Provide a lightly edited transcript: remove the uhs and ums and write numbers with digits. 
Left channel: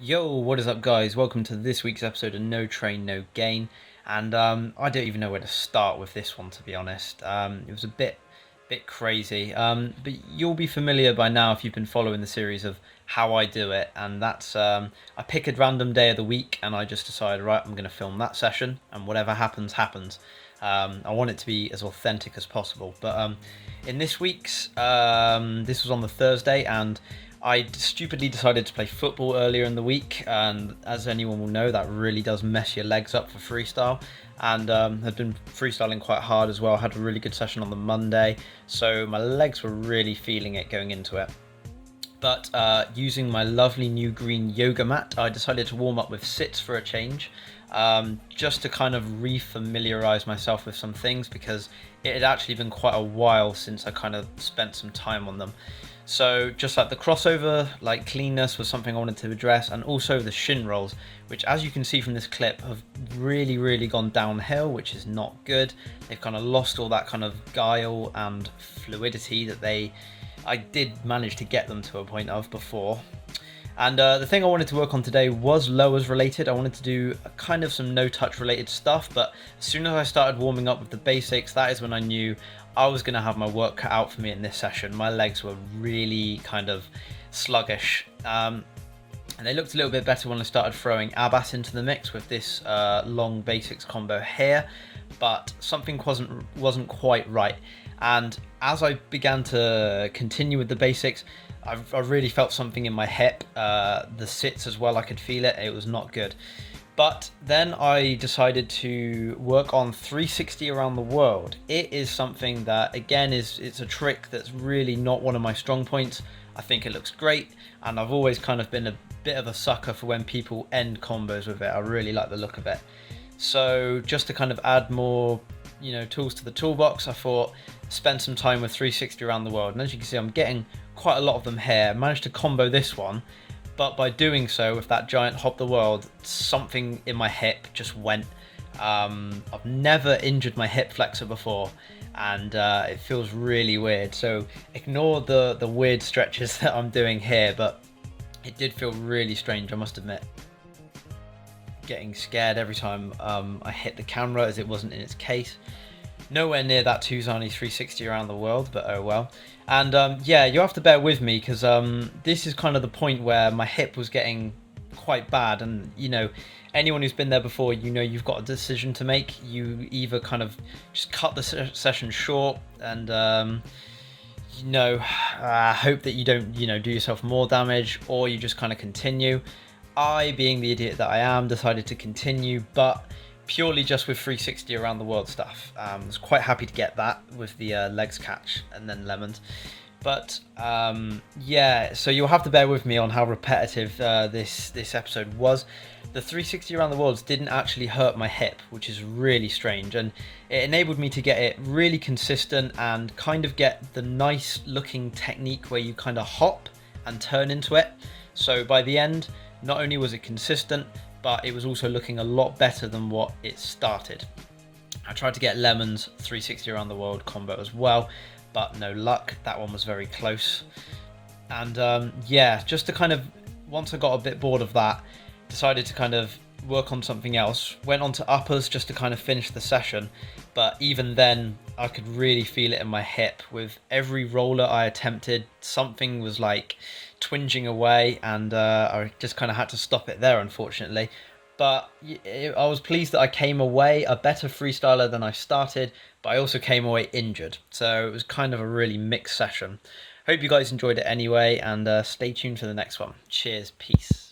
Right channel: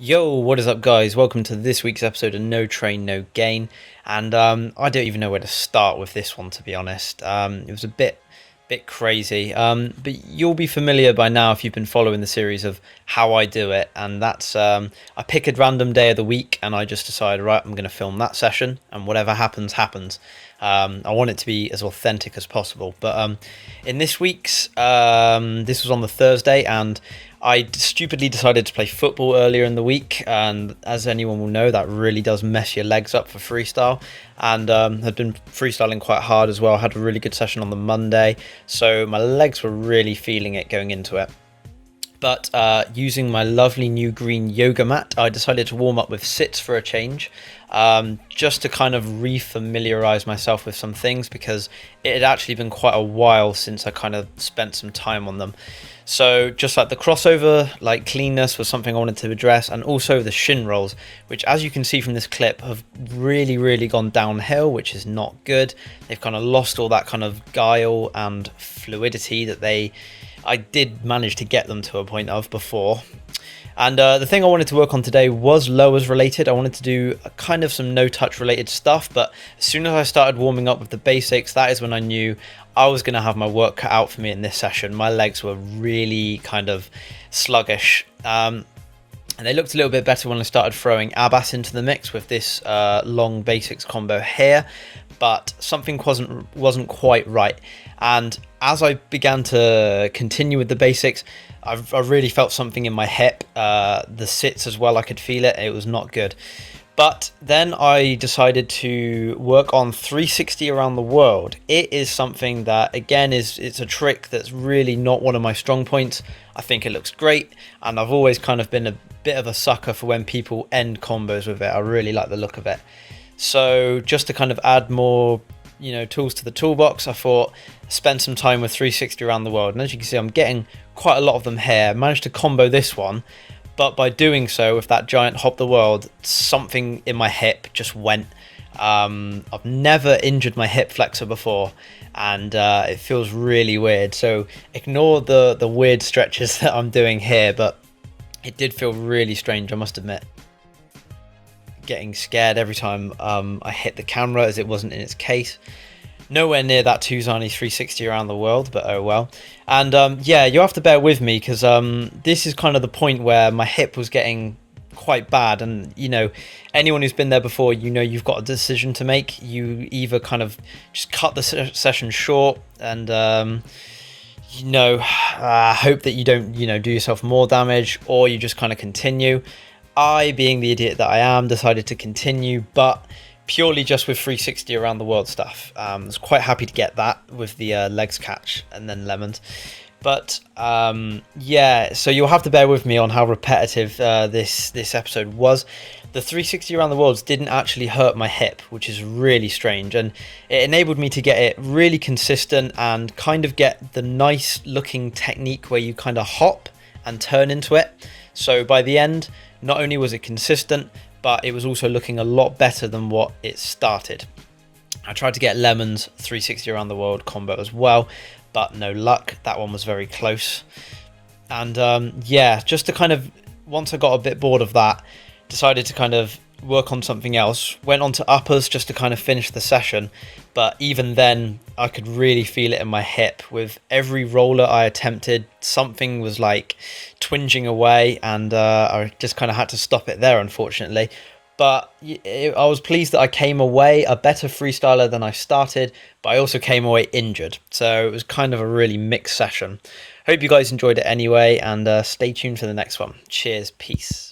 Yo, what is up, guys? Welcome to this week's episode of No Train, No Gain. And I don't even know where to start with this one, to be honest. It was a bit crazy. But you'll be familiar by now if you've been following the series of how I do it. And that's I pick a random day of the week, and I just decide, right, I'm going to film that session, and whatever happens, happens. I want it to be as authentic as possible. But in this week's, this was on the Thursday, and I stupidly decided to play football earlier in the week, and as anyone will know, that really does mess your legs up for freestyle. And had been freestyling quite hard as well. I had a really good session on the Monday, so my legs were really feeling it going into it. But using my lovely new green yoga mat, I decided to warm up with sits for a change, just to kind of re-familiarize myself with some things because it had actually been quite a while since I kind of spent some time on them. So just like the crossover, like cleanness was something I wanted to address, and also the shin rolls, which as you can see from this clip have really gone downhill, which is not good. They've kind of lost all that kind of guile and fluidity that I did manage to get them to a point of before. And the thing I wanted to work on today was lowers related. I wanted to do a kind of some no touch related stuff, but as soon as I started warming up with the basics, that is when I knew I was going to have my work cut out for me in this session. My legs were really kind of sluggish. And they looked a little bit better when I started throwing abas into the mix with this long basics combo here, but something wasn't quite right. And as I began to continue with the basics, I really felt something in my hip, the sits as well. I could feel it. It was not good. But then I decided to work on 360 around the world. It is something that, again, it's a trick that's really not one of my strong points. I think it looks great, and I've always kind of been a bit of a sucker for when people end combos with it. I really like the look of it. So just to kind of add more, tools to the toolbox, I thought spend some time with 360 around the world. And as you can see, I'm getting quite a lot of them here. I managed to combo this one, but by doing so with that giant hop the world, something in my hip just went. I've never injured my hip flexor before, and it feels really weird. So ignore the weird stretches that I'm doing here, but it did feel really strange, I must admit. Getting scared every time I hit the camera as it wasn't in its case. Nowhere near that Tuzani 360 around the world, but oh well. And yeah, you have to bear with me because this is kind of the point where my hip was getting quite bad, and anyone who's been there before, you've got a decision to make. You either kind of just cut the session short and hope that you don't do yourself more damage, or you just kind of continue. I, being the idiot that I am, decided to continue, but purely just with 360 around the world stuff. I was quite happy to get that with the legs catch and then lemons. But yeah, so you'll have to bear with me on how repetitive this episode was. The 360 around the worlds didn't actually hurt my hip, which is really strange, and it enabled me to get it really consistent and kind of get the nice looking technique where you kind of hop and turn into it. So by the end, not only was it consistent, but it was also looking a lot better than what it started. I tried to get Lemon's 360 around the world combo as well, but no luck. That one was very close. And yeah, just to kind of, once I got a bit bored of that, decided to kind of work on something else. Went on to uppers just to kind of finish the session, but even then I could really feel it in my hip. With every roller I attempted, something was like twinging away, and I just kind of had to stop it there, unfortunately. But I was pleased that I came away a better freestyler than I started, but I also came away injured. So it was kind of a really mixed session. Hope you guys enjoyed it anyway, and stay tuned for the next one. Cheers, peace.